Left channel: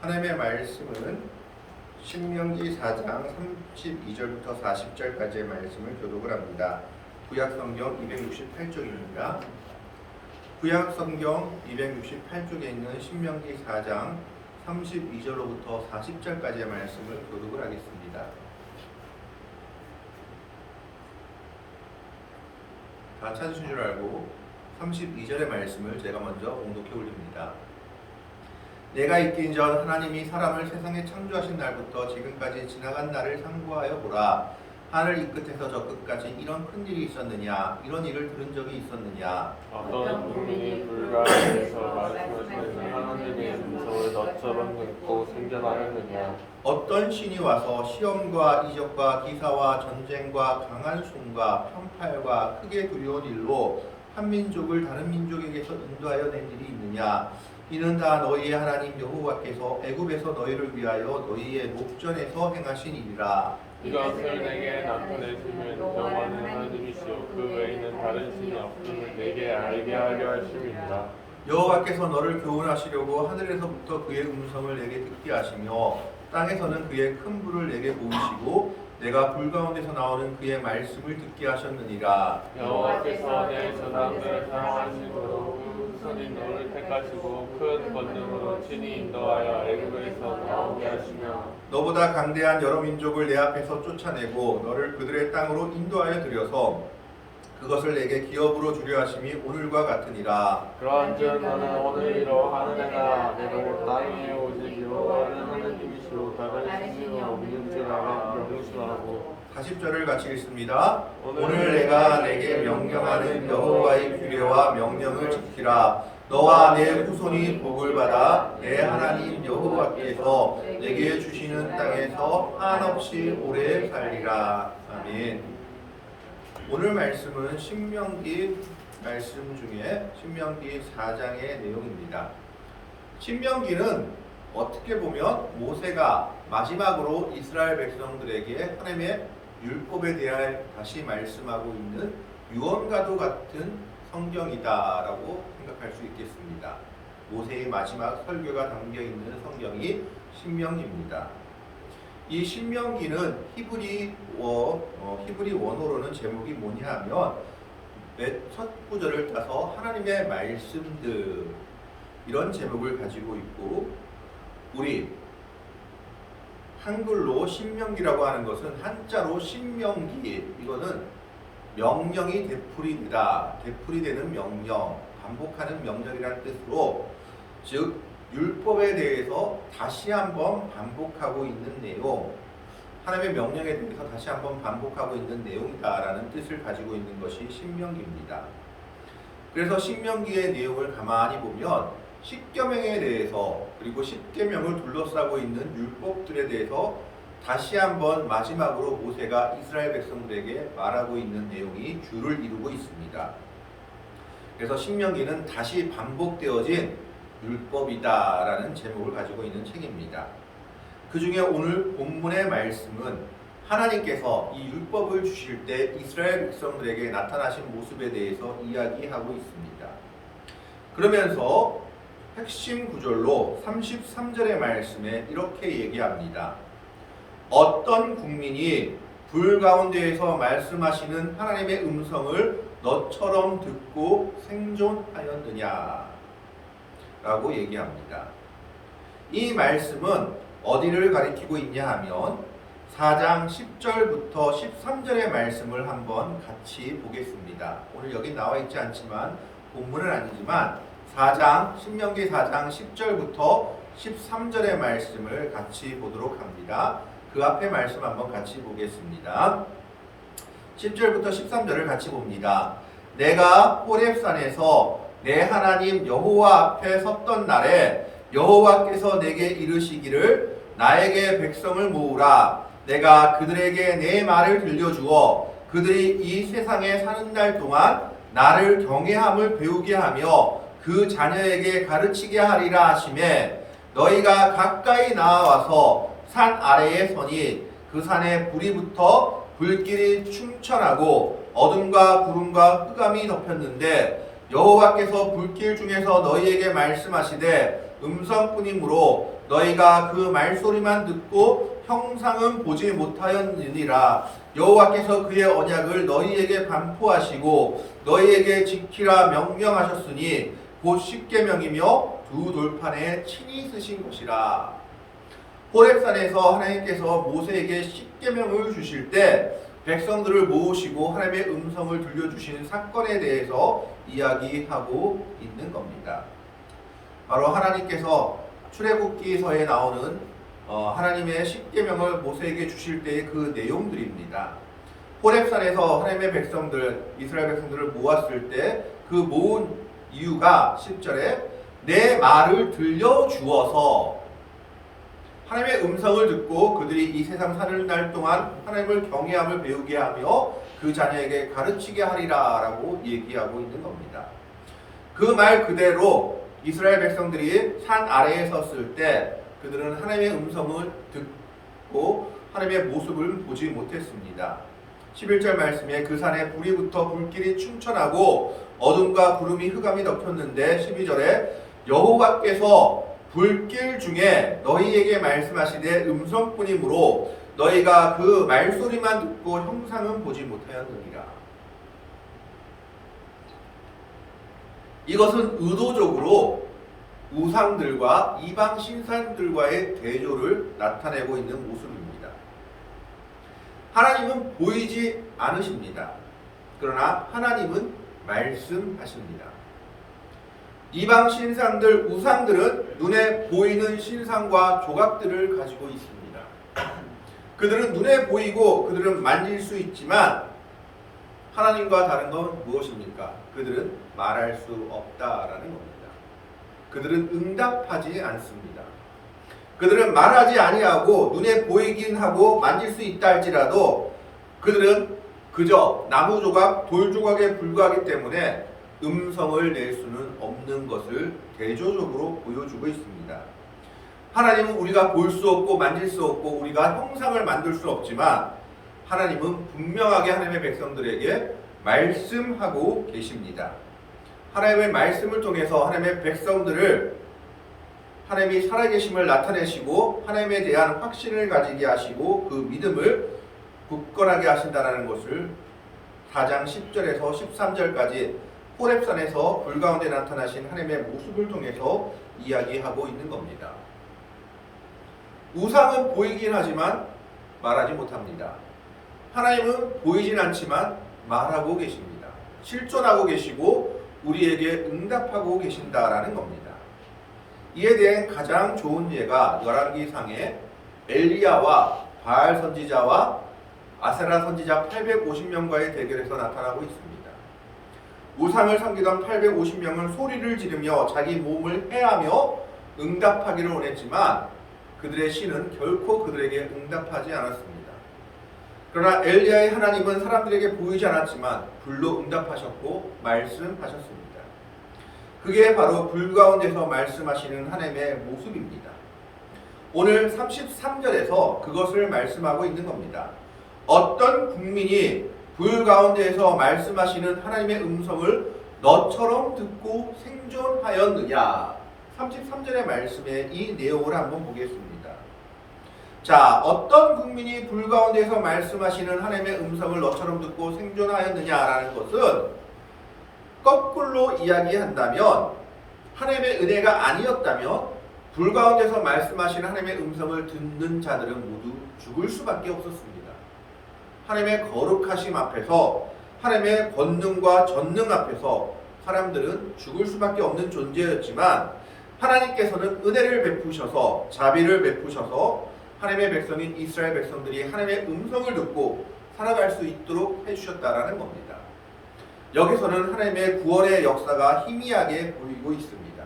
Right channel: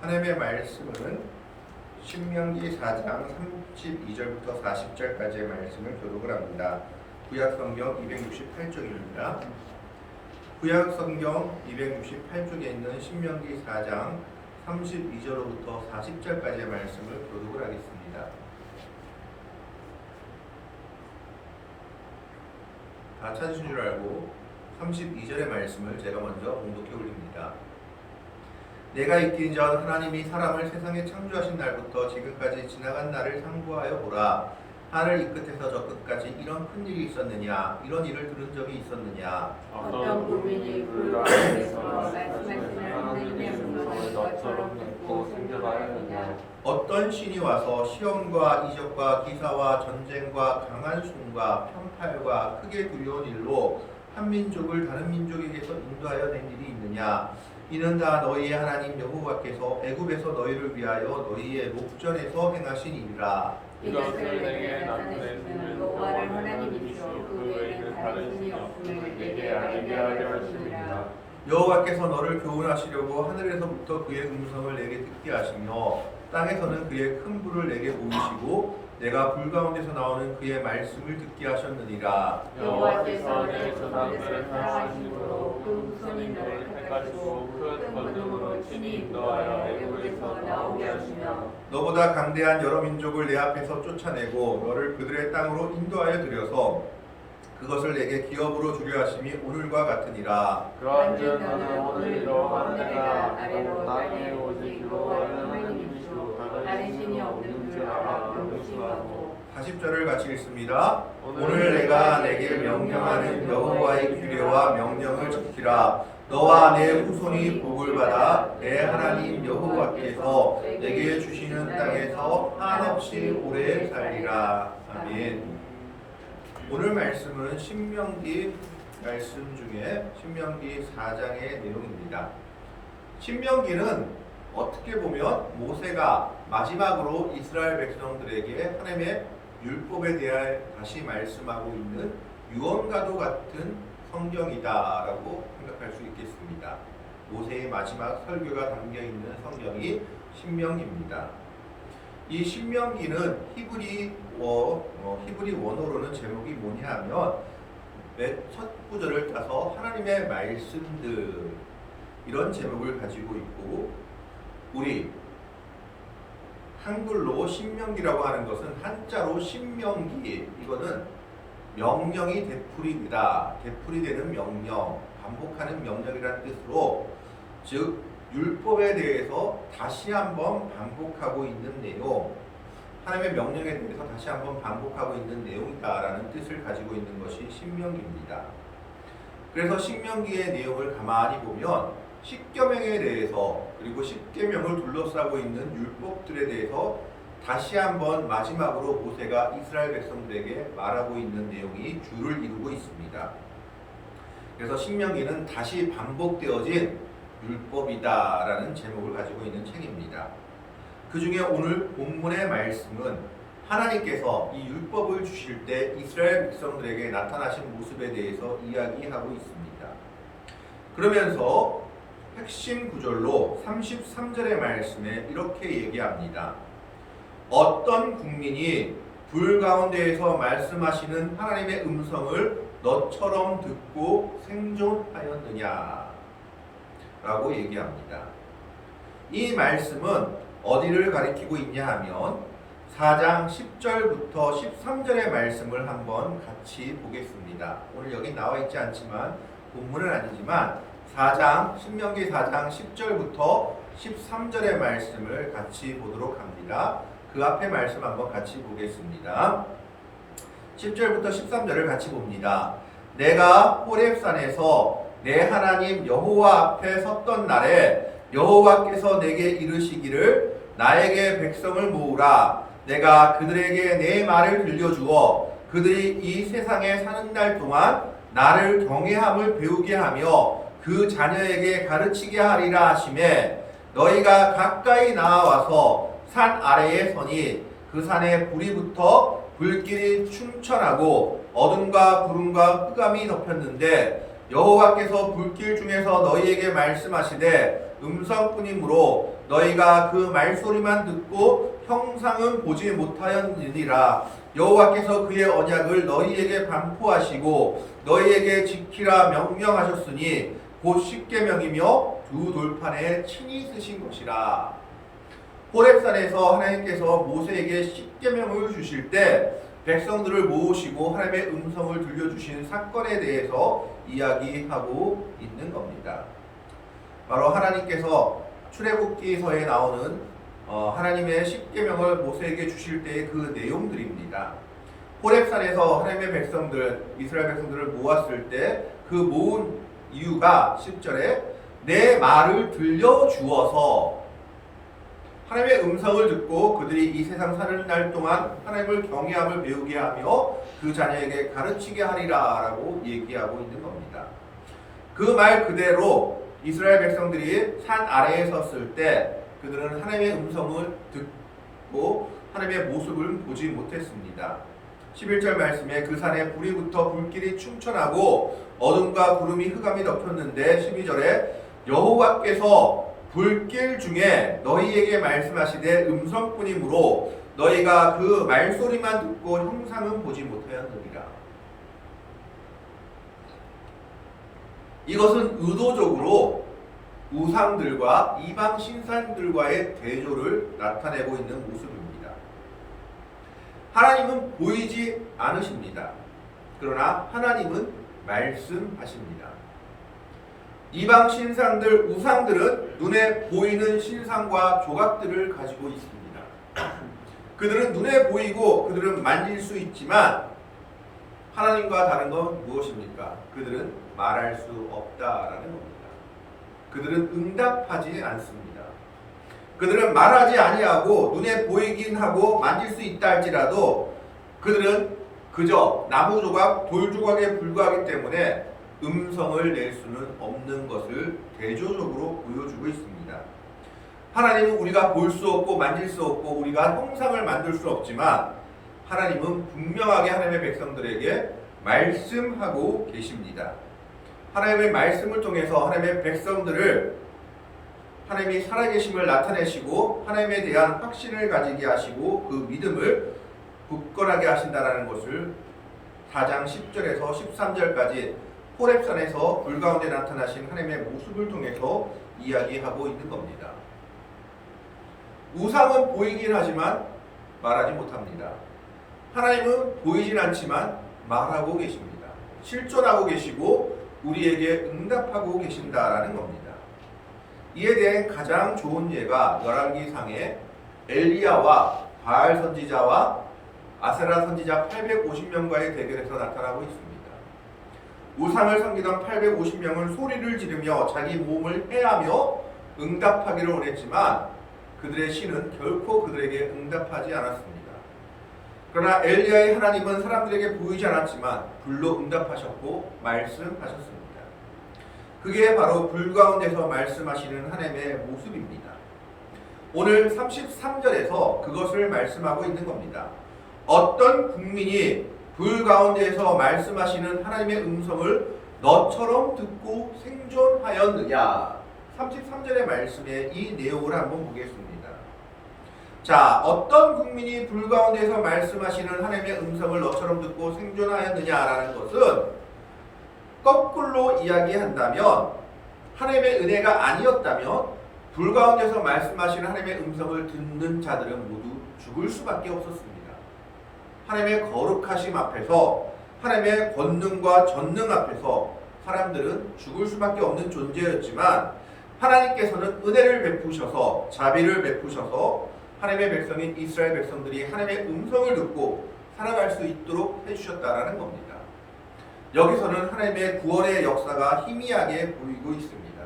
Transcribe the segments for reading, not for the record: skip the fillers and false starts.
하나님의 말씀은 신명기 4장 32절부터 40절까지의 말씀을 교독을 합니다. 구약성경 268쪽입니다. 구약성경 268쪽에 있는 신명기 4장 32절로부터 40절까지의 말씀을 교독을 하겠습니다. 다 찾으신 줄 알고 32절의 말씀을 제가 먼저 봉독해 올립니다. 내가 있기 전 하나님이 사람을 세상에 창조하신 날부터 지금까지 지나간 날을 상고하여 보라. 하늘 이 끝에서 저 끝까지 이런 큰 일이 있었느냐? 이런 일을 들은 적이 있었느냐? 어떤 국민이 불가에서 말씀하시는 하나님의 음성을 너처럼 듣고 생겨나느냐? 어떤 신이 와서 시험과 이적과 기사와 전쟁과 강한 손과 편팔과 크게 두려운 일로 한 민족을 다른 민족에게서 인도하여 낸 일이 있느냐? 이는 다 너희의 하나님 여호와께서 애굽에서 너희를 위하여 너희의 목전에서 행하신 일이라. 이것을 내게 나타내시는 여호와는 하나님이시오. 그 외에는 다른 신이 없음을 내게 알게 하려 하심이라. 여호와께서 너를 교훈하시려고 하늘에서부터 그의 음성을 내게 듣게 하시며 땅에서는 그의 큰 불을 내게 보이시고 내가 불 가운데서 나오는 그의 말씀을 듣게 하셨느니라. 여호와께서 내 조상들을 사랑하심으로 그 후손인 너를 택하시고 큰 권능으로 친히 인도하여 애굽에서 나오게 하시며 너보다 강대한 여러 민족을 내 앞에서 쫓아내고 너를 그들의 땅으로 인도하여 들여서 그것을 내게 기업으로 주려 하심이 오늘과 같으니라. 그런즉 너는 오늘로 하늘에가 아래로 땅에 오직 여호와는 하나님이시오. 다른 신이 없는 줄 알아 명심하고. 40절을 같이 읽습니다. 오늘 내가 내게 명령하는 여호와의 규례와 명령을 지키라. 너와 내 후손이 복을 받아 내 하나님 여호와께서 내게 주시는 땅에서 한없이 오래 살리라. 아멘. 오늘 말씀은 신명기 말씀 중에 신명기 4장의 내용입니다. 신명기는 어떻게 보면 모세가 마지막으로 이스라엘 백성들에게 하나님의 율법에 대해 다시 말씀하고 있는 유언과도 같은 성경이다라고 생각할 수 있겠습니다. 모세의 마지막 설교가 담겨 있는 성경이 신명기입니다. 이 신명기는 히브리 원어로는 제목이 뭐냐하면 첫 구절을 따서 하나님의 말씀들 이런 제목을 가지고 있고 우리 한글로 신명기라고 하는 것은 한자로 신명기 이거는 명령이 되풀이되다 되풀이되는 명령 반복하는 명령이라는 뜻으로 즉 율법에 대해서 다시 한번 반복하고 있는 내용 하나님의 명령에 대해서 다시 한번 반복하고 있는 내용이다라는 뜻을 가지고 있는 것이 신명기입니다. 그래서 신명기의 내용을 가만히 보면 십계명에 대해서 그리고 십계명을 둘러싸고 있는 율법들에 대해서 다시 한번 마지막으로 모세가 이스라엘 백성들에게 말하고 있는 내용이 주를 이루고 있습니다. 그래서 신명기는 다시 반복되어진 율법이다라는 제목을 가지고 있는 책입니다. 그 중에 오늘 본문의 말씀은 하나님께서 이 율법을 주실 때 이스라엘 백성들에게 나타나신 모습에 대해서 이야기하고 있습니다. 그러면서 핵심 구절로 33절의 말씀에 이렇게 얘기합니다. 어떤 국민이 불 가운데에서 말씀하시는 하나님의 음성을 너처럼 듣고 생존하였느냐 라고 얘기합니다. 이 말씀은 어디를 가리키고 있냐 하면 4장 10절부터 13절의 말씀을 한번 같이 보겠습니다. 오늘 여기 나와 있지 않지만 본문은 아니지만 신명기 4장 10절부터 13절의 말씀을 같이 보도록 합니다. 그 앞에 말씀 한번 같이 보겠습니다. 10절부터 13절을 같이 봅니다. 내가 호렙산에서 내 하나님 여호와 앞에 섰던 날에 여호와께서 내게 이르시기를 나에게 백성을 모으라. 내가 그들에게 내 말을 들려주어 그들이 이 세상에 사는 날 동안 나를 경외함을 배우게 하며 그 자녀에게 가르치게 하리라 하시매 너희가 가까이 나와서 산 아래에 서니 그 산에 불이 붙어 불길이 충천하고 어둠과 구름과 흑암이 덮였는데 여호와께서 불길 중에서 너희에게 말씀하시되 음성뿐이므로 너희가 그 말소리만 듣고 형상은 보지 못하였느니라. 여호와께서 그의 언약을 너희에게 반포하시고 너희에게 지키라 명령하셨으니 곧 십계명이며 두 돌판에 친히 쓰신 것이라. 호렙산에서 하나님께서 모세에게 십계명을 주실 때 백성들을 모으시고 하나님의 음성을 들려주신 사건에 대해서 이야기하고 있는 겁니다. 바로 하나님께서 출애굽기서에 나오는 하나님의 십계명을 모세에게 주실 때의 그 내용들입니다. 호렙산에서 하나님의 백성들, 이스라엘 백성들을 모았을 때 그 모은 이유가 10절에 내 말을 들려주어서 하나님의 음성을 듣고 그들이 이 세상 사는 날 동안 하나님을 경외함을 배우게 하며 그 자녀에게 가르치게 하리라 라고 얘기하고 있는 겁니다. 그 말 그대로 이스라엘 백성들이 산 아래에 섰을 때 그들은 하나님의 음성을 듣고 하나님의 모습을 보지 못했습니다. 11절 말씀에 그 산에 불이 붙어 불길이 충천하고 어둠과 구름이 흑암이 덮였는데 12절에 여호와께서 불길 중에 너희에게 말씀하시되 음성뿐이므로 너희가 그 말소리만 듣고 형상은 보지 못하였느니라. 이것은 의도적으로 우상들과 이방 신상들과의 대조를 나타내고 있는 모습입니다. 하나님은 보이지 않으십니다. 그러나 하나님은 말씀하십니다. 이방 신상들, 우상들은 눈에 보이는 신상과 조각들을 가지고 있습니다. 그들은 눈에 보이고 그들은 만질 수 있지만 하나님과 다른 건 무엇입니까? 그들은 말할 수 없다라는 겁니다. 그들은 응답하지 않습니다. 그들은 말하지 아니하고 눈에 보이긴 하고 만질 수 있다 할지라도 그들은 그저 나무 조각, 돌 조각에 불과하기 때문에 음성을 낼 수는 없는 것을 대조적으로 보여주고 있습니다. 하나님은 우리가 볼 수 없고 만질 수 없고 우리가 형상을 만들 수 없지만 하나님은 분명하게 하나님의 백성들에게 말씀하고 계십니다. 하나님의 말씀을 통해서 하나님의 백성들을 하나님이 살아계심을 나타내시고 하나님에 대한 확신을 가지게 하시고 그 믿음을 굳건하게 하신다는 것을 4장 10절에서 13절까지 호렙산에서 불 가운데 나타나신 하나님의 모습을 통해서 이야기하고 있는 겁니다. 우상은 보이긴 하지만 말하지 못합니다. 하나님은 보이진 않지만 말하고 계십니다. 실존하고 계시고 우리에게 응답하고 계신다라는 겁니다. 이에 대한 가장 좋은 예가 열왕기상에 엘리야와 바알 선지자와 아세라 선지자 850명과의 대결에서 나타나고 있습니다. 우상을 섬기던 850명은 소리를 지르며 자기 몸을 해하며 응답하기를 원했지만 그들의 신은 결코 그들에게 응답하지 않았습니다. 그러나 엘리야의 하나님은 사람들에게 보이지 않았지만 불로 응답하셨고 말씀하셨습니다. 그게 바로 불 가운데서 말씀하시는 하나님의 모습입니다. 오늘 33절에서 그것을 말씀하고 있는 겁니다. 어떤 국민이 불 가운데에서 말씀하시는 하나님의 음성을 너처럼 듣고 생존하였느냐. 33절의 말씀에 이 내용을 한번 보겠습니다. 자, 어떤 국민이 불 가운데에서 말씀하시는 하나님의 음성을 너처럼 듣고 생존하였느냐라는 것은 거꾸로 이야기한다면 하나님의 은혜가 아니었다면 불 가운데서 말씀하시는 하나님의 음성을 듣는 자들은 모두 죽을 수밖에 없었습니다. 하나님의 거룩하심 앞에서 하나님의 권능과 전능 앞에서 사람들은 죽을 수밖에 없는 존재였지만 하나님께서는 은혜를 베푸셔서 자비를 베푸셔서 하나님의 백성인 이스라엘 백성들이 하나님의 음성을 듣고 살아갈 수 있도록 해주셨다라는 겁니다. 여기서는 하나님의 구원의 역사가 희미하게 보이고 있습니다.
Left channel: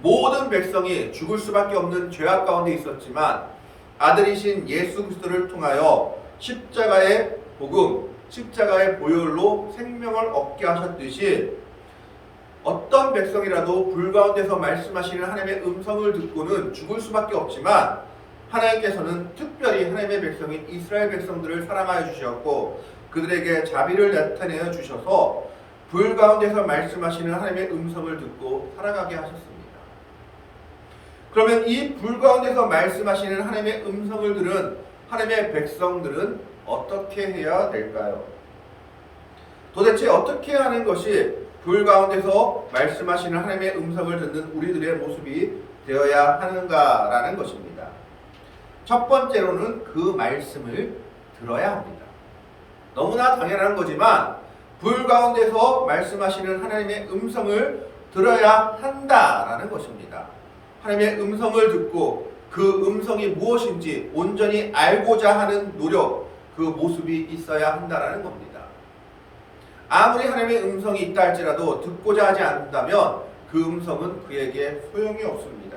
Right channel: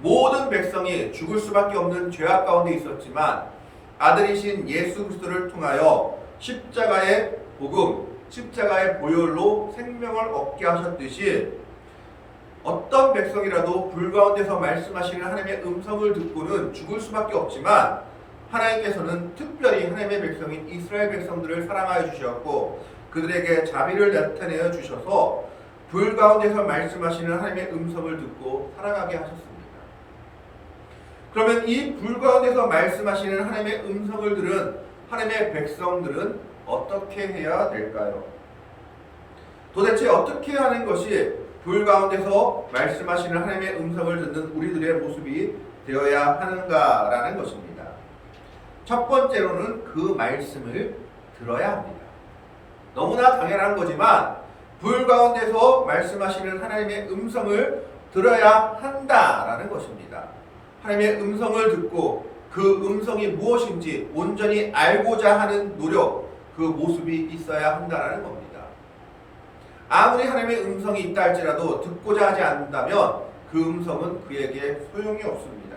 모든 백성이 죽을 수밖에 없는 죄악 가운데 있었지만 아들이신 예수 그리스도를 통하여 십자가의 복음, 십자가의 보혈로 생명을 얻게 하셨듯이 어떤 백성이라도 불 가운데서 말씀하시는 하나님의 음성을 듣고는 죽을 수밖에 없지만 하나님께서는 특별히 하나님의 백성인 이스라엘 백성들을 사랑하여 주셨고 그들에게 자비를 나타내어 주셔서 불 가운데서 말씀하시는 하나님의 음성을 듣고 살아가게 하셨습니다. 그러면 이 불 가운데서 말씀하시는 하나님의 음성을 들은 하나님의 백성들은 어떻게 해야 될까요? 도대체 어떻게 하는 것이 불 가운데서 말씀하시는 하나님의 음성을 듣는 우리들의 모습이 되어야 하는가라는 것입니다. 첫 번째로는 그 말씀을 들어야 합니다. 너무나 당연한 거지만 불 가운데서 말씀하시는 하나님의 음성을 들어야 한다라는 것입니다. 하나님의 음성을 듣고 그 음성이 무엇인지 온전히 알고자 하는 노력, 그 모습이 있어야 한다라는 겁니다. 아무리 하나님의 음성이 있다 할지라도 듣고자 하지 않는다면 그 음성은 그에게 소용이 없습니다.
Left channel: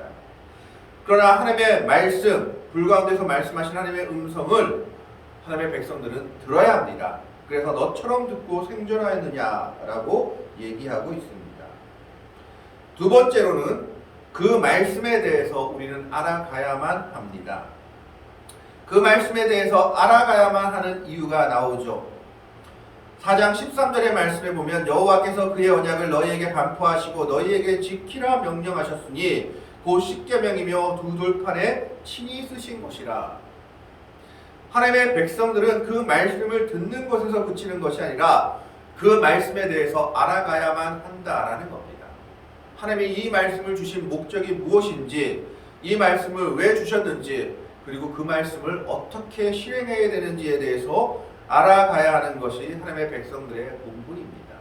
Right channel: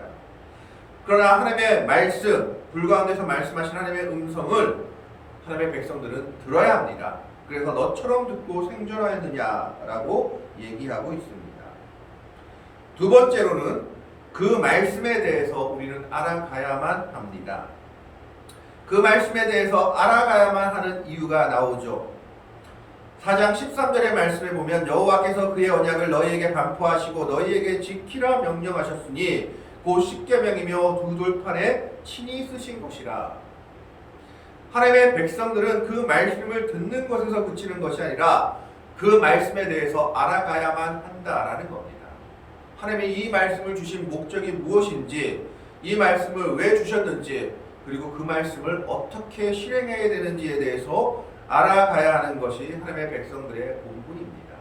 그러나 하나님의 말씀, 불 가운데서 말씀하신 하나님의 음성을 하나님의 백성들은 들어야 합니다. 그래서 너처럼 듣고 생존하였느냐라고 얘기하고 있습니다. 두 번째로는 그 말씀에 대해서 우리는 알아가야만 합니다. 그 말씀에 대해서 알아가야만 하는 이유가 나오죠. 4장 13절의 말씀에 보면 여호와께서 그의 언약을 너희에게 반포하시고 너희에게 지키라 명령하셨으니 곧 십계명이며 두 돌판에 친히 쓰신 것이라. 하나님의 백성들은 그 말씀을 듣는 것에서 그치는 것이 아니라 그 말씀에 대해서 알아가야만 한다라는 겁니다. 하나님이 이 말씀을 주신 목적이 무엇인지, 이 말씀을 왜 주셨는지, 그리고 그 말씀을 어떻게 실행해야 되는지에 대해서 알아가야 하는 것이 하나님의 백성들의 본분입니다.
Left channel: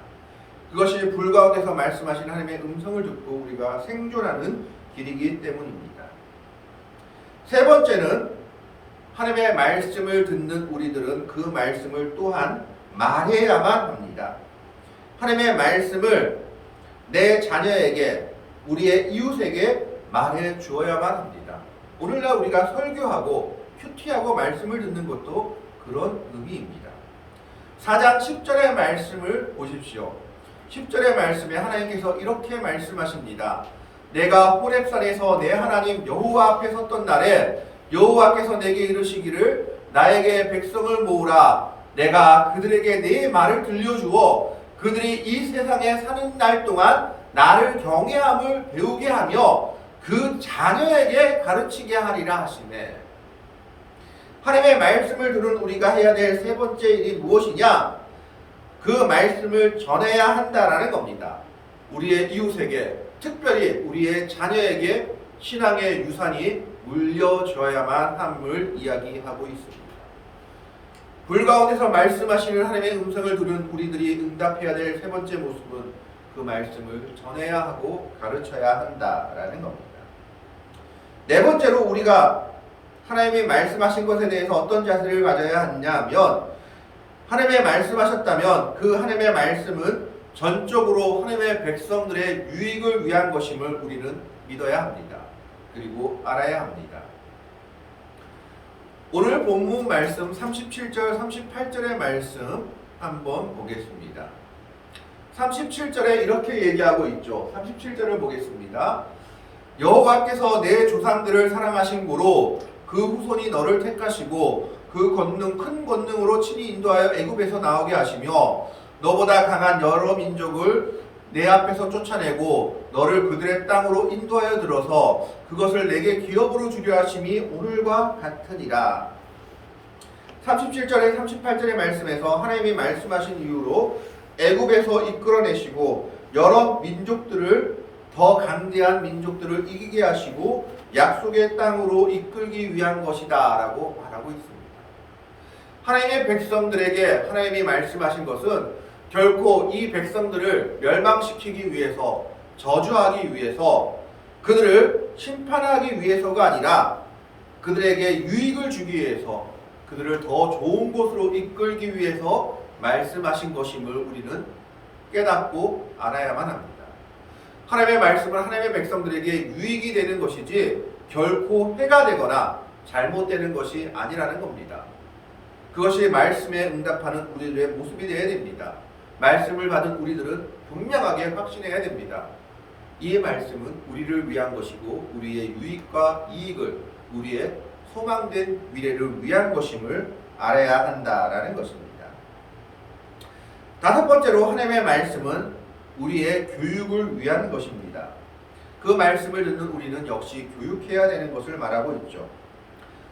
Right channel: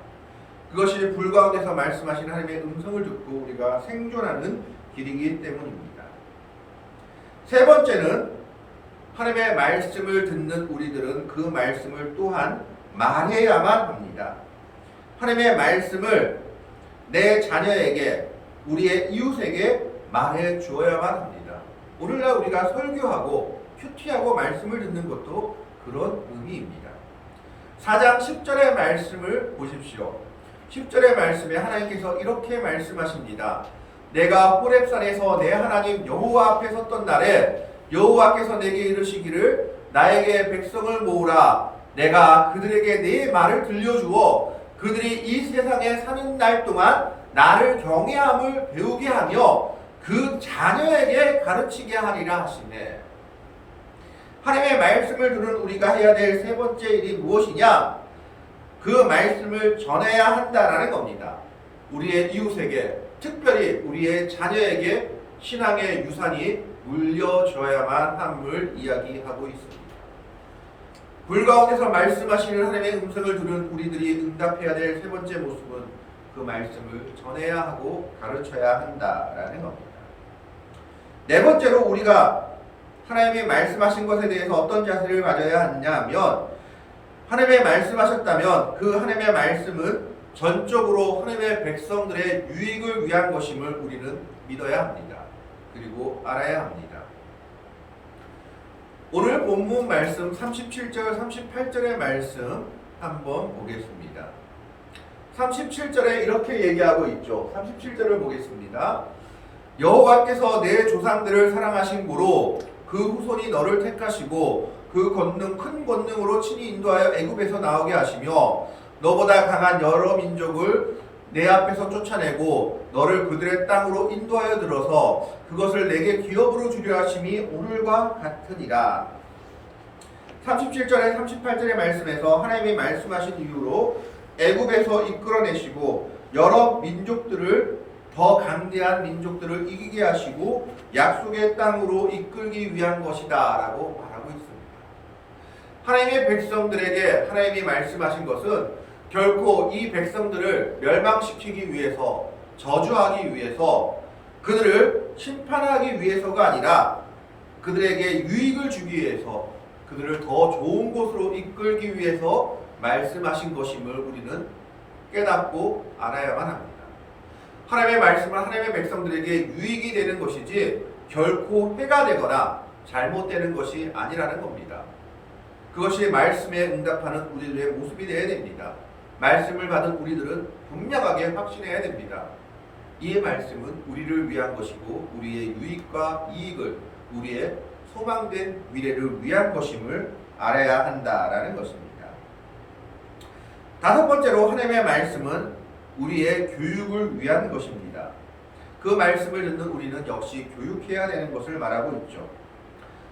그것이 불 가운데서 말씀하신 하나님의 음성을 듣고 우리가 생존하는 길이기 때문입니다. 세 번째는 하나님의 말씀을 듣는 우리들은 그 말씀을 또한 말해야만 합니다. 하나님의 말씀을 내 자녀에게, 우리의 이웃에게 말해 주어야만 합니다. 오늘날 우리가 설교하고 큐티하고 말씀을 듣는 것도 그런 의미입니다. 4장 10절의 말씀을 보십시오. 10절의 말씀에 하나님께서 이렇게 말씀하십니다. 내가 호렙산에서 내 하나님 여호와 앞에 섰던 날에 여호와께서 내게 이르시기를 나에게 백성을 모으라. 내가 그들에게 내 말을 들려주어 그들이 이 세상에 사는 날 동안 나를 경외함을 배우게 하며 그 자녀에게 가르치게 하리라 하시네. 하나님의 말씀을 들은 우리가 해야 될 세 번째 일이 무엇이냐? 그 말씀을 전해야 한다라는 겁니다. 우리의 이웃에게, 특별히 우리의 자녀에게 신앙의 유산이 물려줘야만 함을 이야기하고 있습니다. 불 가운데서 말씀하시는 하나님의 음성을 들은 우리들이 응답해야 될 세 번째 모습은 그 말씀을 전해야 하고 가르쳐야 한다라는 겁니다. 네 번째로 우리가 하나님이 말씀하신 것에 대해서 어떤 자세를 가져야 하냐면, 하나님의 말씀하셨다면 그 하나님의 말씀은 전적으로 하나님의 백성들의 유익을 위한 것임을 우리는 믿어야 합니다. 그리고 알아야 합니다. 오늘 본문 말씀 37절, 38절의 말씀 한번 보겠습니다. 37절에 이렇게 얘기하고 있죠. 37절을 보겠습니다. 여호와께서 내 조상들을 사랑하신 고로 그 후손이 너를 택하시고 그 권능 큰 권능으로 친히 인도하여 애굽에서 나오게 하시며 너보다 강한 여러 민족을 내 앞에서 쫓아내고 너를 그들의 땅으로 인도하여 들어서 그것을 내게 기업으로 주려 하심이 오늘과 같으니라. 37절에 38절의 말씀에서 하나님이 말씀하신 이유로 애굽에서 이끌어내시고 여러 민족들을, 더 강대한 민족들을 이기게 하시고 약속의 땅으로 이끌기 위한 것이다 라고 말하고 있습니다. 하나님의 백성들에게 하나님이 말씀하신 것은 결코 이 백성들을 멸망시키기 위해서, 저주하기 위해서, 그들을 심판하기 위해서가 아니라 그들에게 유익을 주기 위해서, 그들을 더 좋은 곳으로 이끌기 위해서 말씀하신 것임을 우리는 깨닫고 알아야만 합니다. 하나님의 말씀은 하나님의 백성들에게 유익이 되는 것이지 결코 해가 되거나 잘못되는 것이 아니라는 겁니다. 그것이 말씀에 응답하는 우리들의 모습이 되어야 됩니다. 말씀을 받은 우리들은 분명하게 확신해야 됩니다. 이 말씀은 우리를 위한 것이고 우리의 유익과 이익을, 우리의 소망된 미래를 위한 것임을 알아야 한다라는 것입니다. 다섯 번째로 하나님의 말씀은 우리의 교육을 위한 것입니다. 그 말씀을 듣는 우리는 역시 교육해야 되는 것을 말하고 있죠.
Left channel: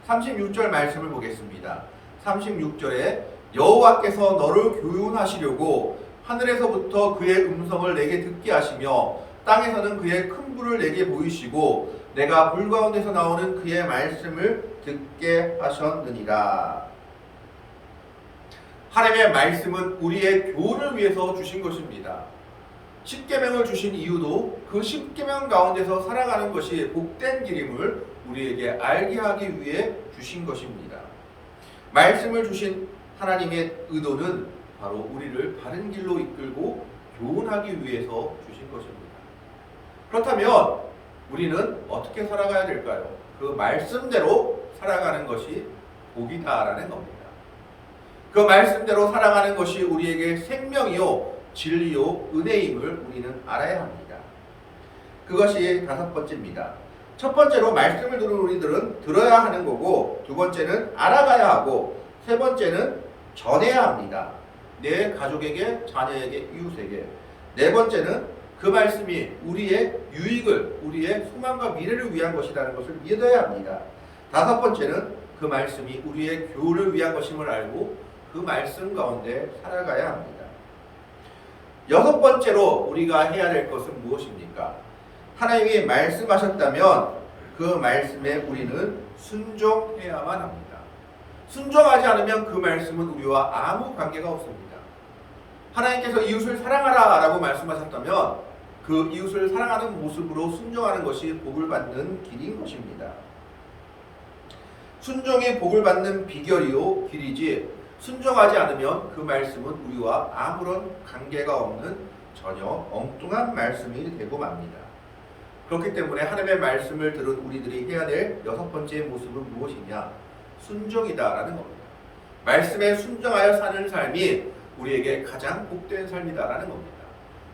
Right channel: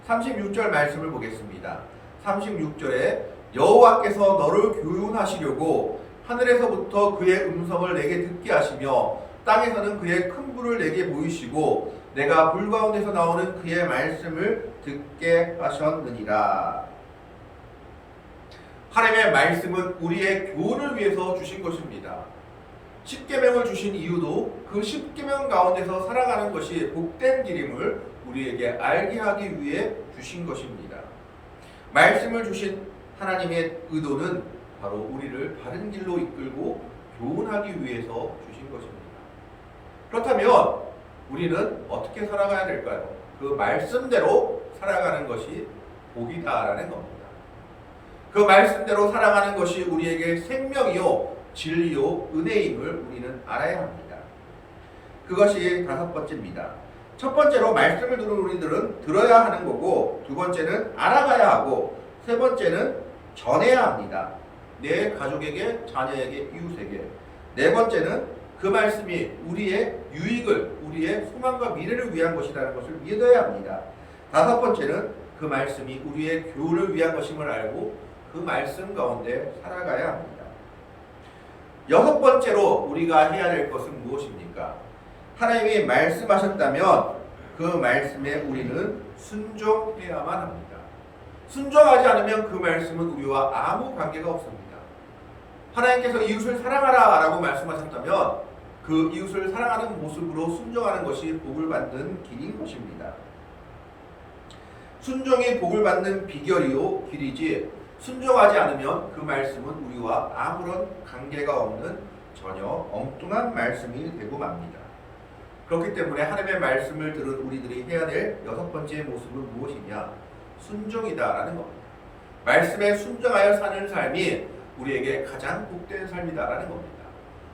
36절 말씀을 보겠습니다. 36절에 여호와께서 너를 교훈하시려고 하늘에서부터 그의 음성을 내게 듣게 하시며 땅에서는 그의 큰 불을 내게 보이시고 내가 불 가운데서 나오는 그의 말씀을 듣게 하셨느니라. 하나님의 말씀은 우리의 교훈을 위해서 주신 것입니다. 십계명을 주신 이유도 그 십계명 가운데서 살아가는 것이 복된 길임을 우리에게 알게 하기 위해 주신 것입니다. 말씀을 주신 하나님의 의도는 바로 우리를 바른 길로 이끌고 교훈하기 위해서 주신 것입니다. 그렇다면 우리는 어떻게 살아가야 될까요? 그 말씀대로 살아가는 것이 복이다라는 겁니다. 그 말씀대로 살아가는 것이 우리에게 생명이요 진리요 은혜임을 우리는 알아야 합니다. 그것이 다섯 번째입니다. 첫 번째로 말씀을 들은 우리들은 들어야 하는 거고, 두 번째는 알아가야 하고, 세 번째는 전해야 합니다. 내 가족에게, 자녀에게, 이웃에게. 네 번째는 그 말씀이 우리의 유익을, 우리의 소망과 미래를 위한 것이라는 것을 믿어야 합니다. 다섯 번째는 그 말씀이 우리의 교훈을 위한 것임을 알고 그 말씀 가운데 살아가야 합니다. 여섯 번째로 우리가 해야 될 것은 무엇입니까? 하나님이 말씀하셨다면 그 말씀에 우리는 순종해야만 합니다. 순종하지 않으면 그 말씀은 우리와 아무 관계가 없습니다. 하나님께서 이웃을 사랑하라 라고 말씀하셨다면 그 이웃을 사랑하는 모습으로 순종하는 것이 복을 받는 길인 것입니다. 순종이 복을 받는 비결이요 길이지, 순종하지 않으면 그 말씀은 우리와 아무런 관계가 없는 전혀 엉뚱한 말씀이 되고 맙니다. 그렇기 때문에 하나님의 말씀을 들은 우리들이 해야 될 여섯 번째 모습은 무엇이냐? 순종이다라는 겁니다. 말씀에 순종하여 사는 삶이 우리에게 가장 복된 삶이다라는 겁니다.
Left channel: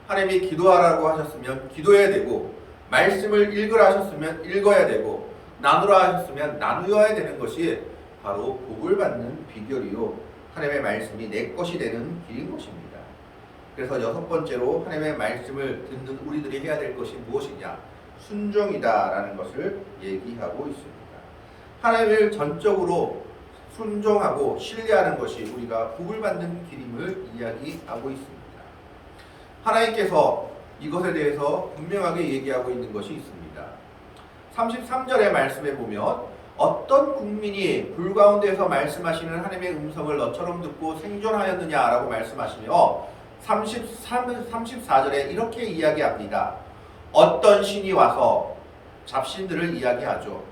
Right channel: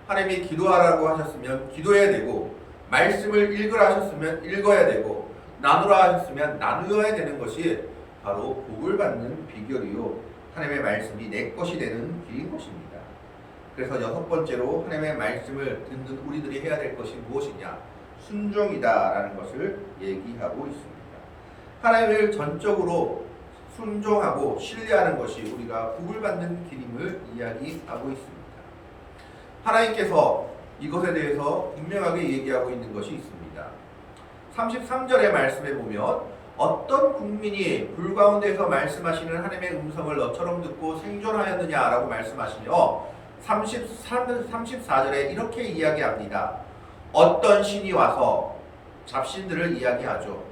하나님이 기도하라고 하셨으면 기도해야 되고, 말씀을 읽으라 하셨으면 읽어야 되고, 나누라 하셨으면 나누어야 되는 것이 바로 복을 받는 비결이요 하나님의 말씀이 내 것이 되는 길인 것입니다. 그래서 여섯 번째로 하나님의 말씀을 듣는 우리들이 해야 될 것이 무엇이냐? 순종이다라는 것을 얘기하고 있습니다. 하나님을 전적으로 순종하고 신뢰하는 것이 우리가 복을 받는 길임을 이야기하고 있습니다. 하나님께서 이것에 대해서 분명하게 얘기하고 있는 것이 있습니다. 33절의 말씀에 보면 어떤 국민이 불 가운데서 말씀하시는 하나님의 음성을 너처럼 듣고 생존하였느냐라고 말씀하시며 34절에 이렇게 이야기합니다. 어떤 신이 와서 잡신들을 이야기하죠.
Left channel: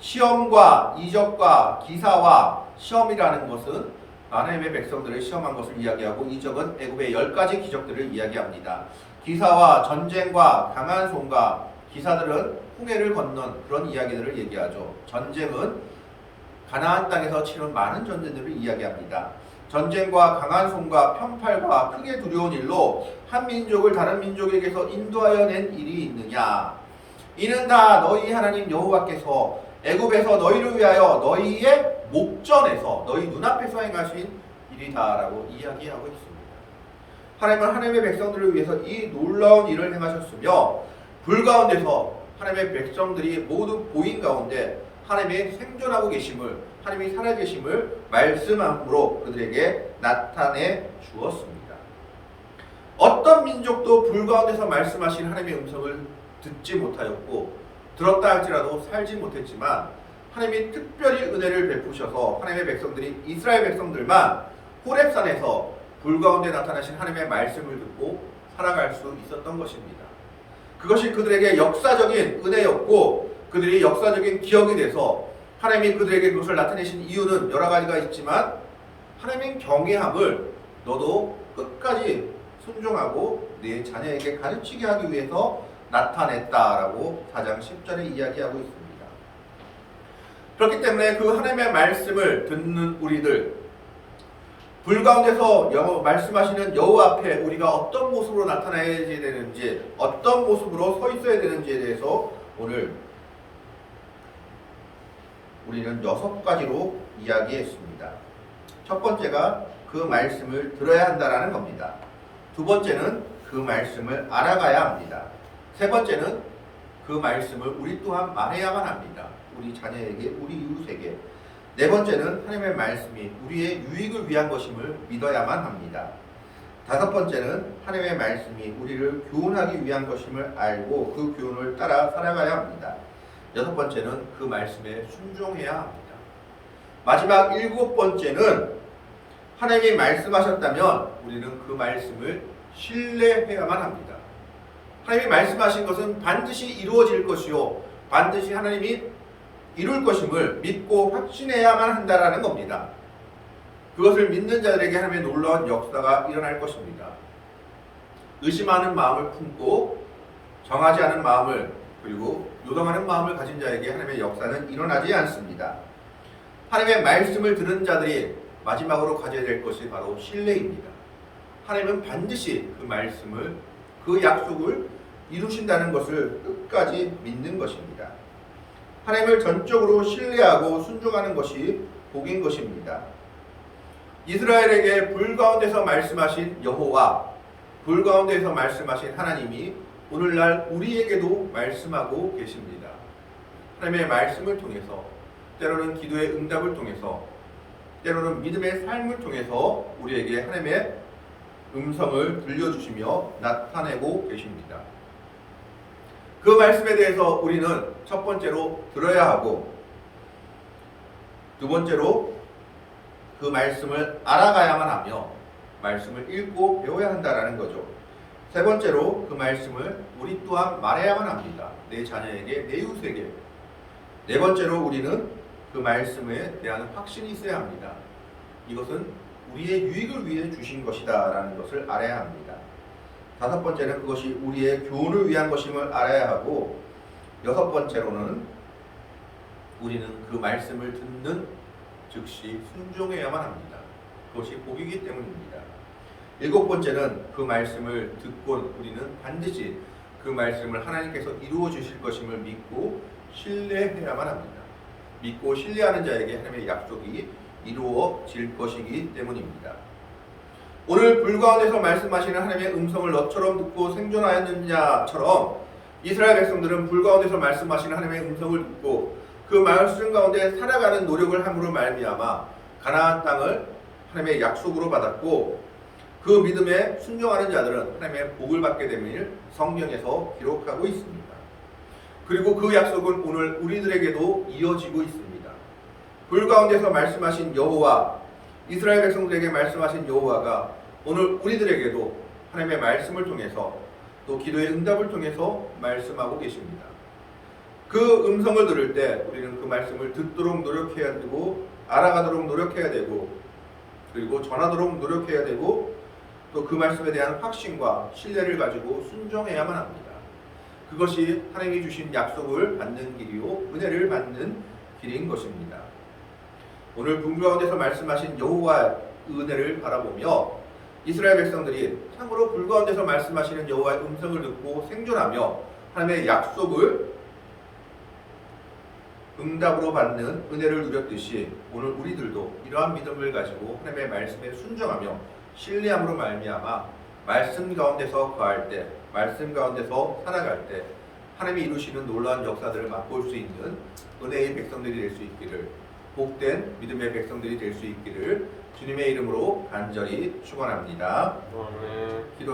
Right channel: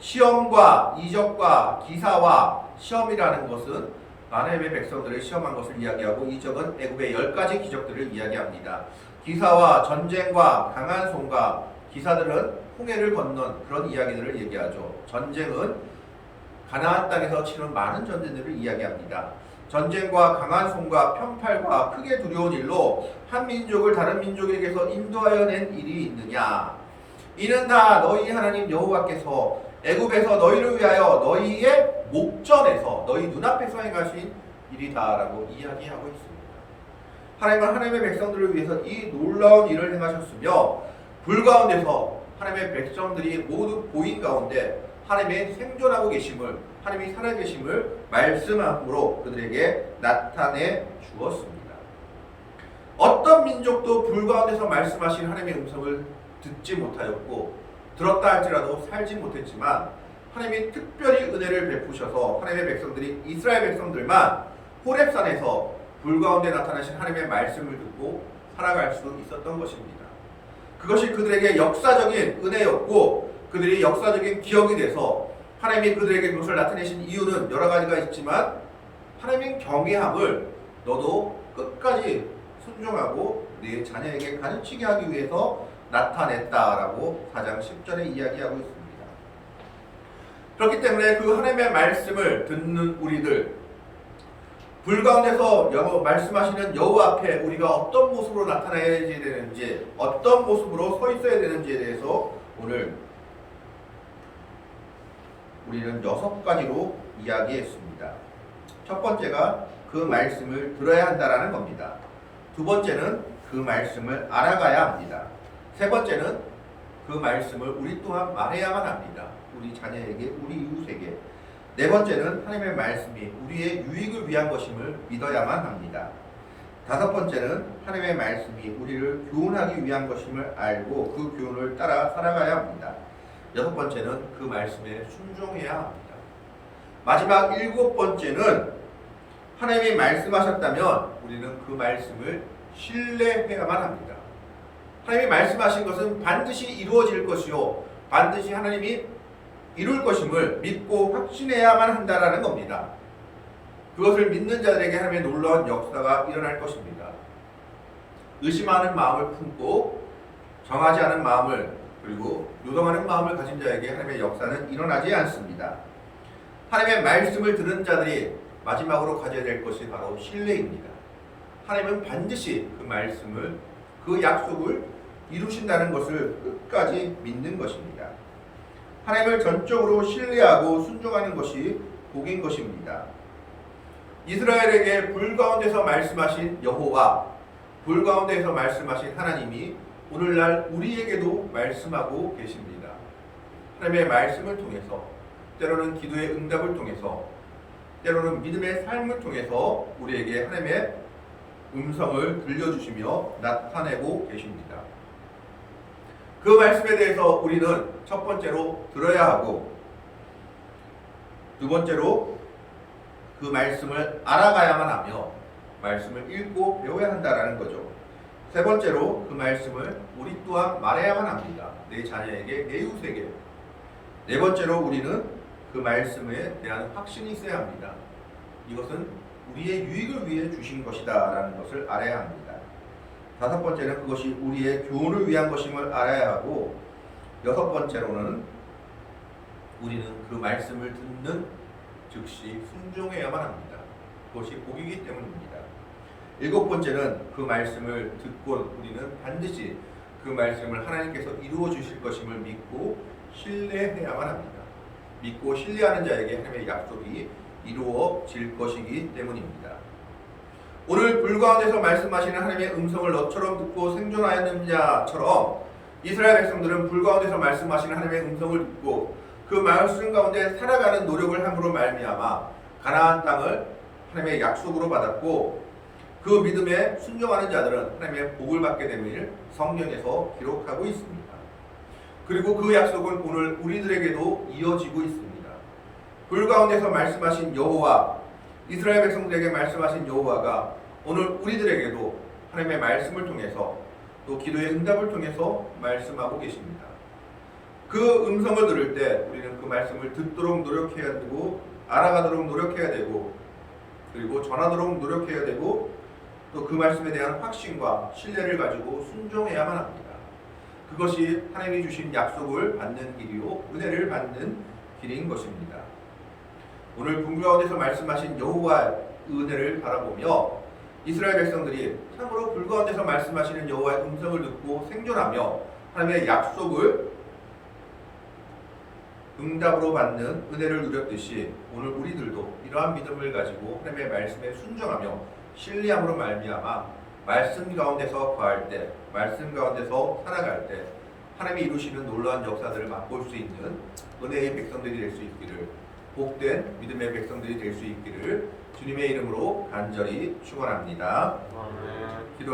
시험과 이적과 기사와 시험이라는 것은 하나님의 백성들을 시험한 것을 이야기하고, 이적은 애굽의 10가지 기적들을 이야기합니다. 기사와 전쟁과 강한 손과, 기사들은 홍해를 건넌 그런 이야기들을 얘기하죠. 전쟁은 가나안 땅에서 치른 많은 전쟁들을 이야기합니다. 전쟁과 강한 손과 편팔과 크게 두려운 일로 한 민족을 다른 민족에게서 인도하여 낸 일이 있느냐? 이는 다 너희 하나님 여호와께서 애굽에서 너희를 위하여 너희의 목전에서 너희 눈앞에서 행하신 일이다라고 이야기하고 있습니다. 하나님은 하나님의 백성들을 위해서 이 놀라운 일을 행하셨으며, 불 가운데서 하나님의 백성들이 모두 보인 가운데 하나님이 생존하고 계심을, 하나님이 살아계심을 말씀함으로 그들에게 나타내 주었습니다. 어떤 민족도 불 가운데서 말씀하신 하나님의 음성을 듣지 못하였고, 들었다 할지라도 살지 못했지만 하나님이 특별히 은혜를 베푸셔서 하나님의 백성들이, 이스라엘 백성들만 호렙산에서 불 가운데 나타나신 하나님의 말씀을 듣고 살아갈 수 있었던 것입니다. 그것이 그들에게 역사적인 은혜였고, 그들이 역사적인 기억이 돼서 하나님이 그들에게 그것을 나타내신 이유는 여러 가지가 있지만, 하나님의 경외함을 너도 끝까지 순종하고 네 자녀에게 가르치게 하기 위해서 나타냈다라고 4장 10절에 이야기하고 있습니다. 그렇기 때문에 그 하나님의 말씀을 듣는 우리들, 불 가운데서 말씀하시는 여호와 앞에 우리가 어떤 모습으로 나타나야 되는지, 어떤 모습으로 서 있어야 되는지에 대해서 오늘 우리는 6가지로 이야기했습니다. 첫 번째가 그 말씀을 들어야 한다라는 겁니다. 두 번째는 그 말씀을 알아가야 합니다. 세 번째는 그 말씀을 우리 또한 말해야만 합니다. 우리 자녀에게, 우리 이웃에게. 네 번째는 하나님의 말씀이 우리의 유익을 위한 것임을 믿어야만 합니다. 다섯 번째는 하나님의 말씀이 우리를 교훈하기 위한 것임을 알고 그 교훈을 따라 살아가야 합니다. 여섯 번째는 그 말씀에 순종해야 합니다. 마지막 일곱 번째는 하나님이 말씀하셨다면 우리는 그 말씀을 신뢰해야만 합니다. 하나님이 말씀하신 것은 반드시 이루어질 것이요 반드시 하나님이 이룰 것임을 믿고 확신해야만 한다라는 겁니다. 그것을 믿는 자들에게 하나님의 놀라운 역사가 일어날 것입니다. 의심하는 마음을 품고 정하지 않은 마음을 그리고 요동하는 마음을 가진 자에게 하나님의 역사는 일어나지 않습니다. 하나님의 말씀을 들은 자들이 마지막으로 가져야 될 것이 바로 신뢰입니다. 하나님은 반드시 그 말씀을, 그 약속을 이루신다는 것을 끝까지 믿는 것입니다. 하나님을 전적으로 신뢰하고 순종하는 것이 복인 것입니다. 이스라엘에게 불 가운데서 말씀하신 여호와, 불 가운데서 말씀하신 하나님이 오늘날 우리에게도 말씀하고 계십니다. 하나님의 말씀을 통해서, 때로는 기도의 응답을 통해서, 때로는 믿음의 삶을 통해서 우리에게 하나님의 음성을 들려주시며 나타내고 계십니다. 그 말씀에 대해서 우리는 첫 번째로 들어야 하고, 두 번째로 그 말씀을 알아가야만 하며 말씀을 읽고 배워야 한다라는 거죠. 세 번째로 그 말씀을 우리 또한 말해야만 합니다. 내 자녀에게, 내 이웃에게. 네 번째로 우리는 그 말씀에 대한 확신이 있어야 합니다. 이것은 우리의 유익을 위해 주신 것이다 라는 것을 알아야 합니다. 다섯 번째는 그것이 우리의 교훈을 위한 것임을 알아야 하고, 여섯 번째로는 우리는 그 말씀을 듣는 즉시 순종해야만 합니다. 그것이 복이기 때문입니다. 일곱 번째는 그 말씀을 듣고 우리는 반드시 그 말씀을 하나님께서 이루어 주실 것임을 믿고 신뢰해야만 합니다. 믿고 신뢰하는 자에게 하나님의 약속이 이루어질 것이기 때문입니다. 오늘 불 가운데서 말씀하시는 하나님의 음성을 너처럼 듣고 생존하였느냐처럼 이스라엘 백성들은 불 가운데서 말씀하시는 하나님의 음성을 듣고 그 말씀 가운데 살아가는 노력을 함으로 말미암아 가나안 땅을 하나님의 약속으로 받았고, 그 믿음에 순종하는 자들은 하나님의 복을 받게 됨을 성경에서 기록하고 있습니다. 그리고 그 약속은 오늘 우리들에게도 이어지고 있습니다. 불 가운데서 말씀하신 여호와, 이스라엘 백성들에게 말씀하신 여호와가 오늘 우리들에게도 하나님의 말씀을 통해서 또 기도의 응답을 통해서 말씀하고 계십니다. 그 음성을 들을 때 우리는 그 말씀을 듣도록 노력해야 되고, 알아가도록 노력해야 되고, 그리고 전하도록 노력해야 되고, 또 그 말씀에 대한 확신과 신뢰를 가지고 순종해야만 합니다. 그것이 하나님이 주신 약속을 받는 길이요 은혜를 받는 길인 것입니다. 오늘 불 가운데서 말씀하신 여호와의 은혜를 바라보며 이스라엘 백성들이 참으로 불 가운데서 말씀하시는 여호와의 음성을 듣고 생존하며 하나님의 약속을 응답으로 받는 은혜를 누렸듯이 오늘 우리들도 이러한 믿음을 가지고 하나님의 말씀에 순종하며 신뢰함으로 말미암아 말씀 가운데서 거할 때, 말씀 가운데서 살아갈 때 하나님이 이루시는 놀라운 역사들을 맛볼 수 있는 은혜의 백성들이 될 수 있기를, 복된 믿음의 백성들이 될 수 있기를 주님의 이름으로 간절히 축원합니다. 기도하겠습니다.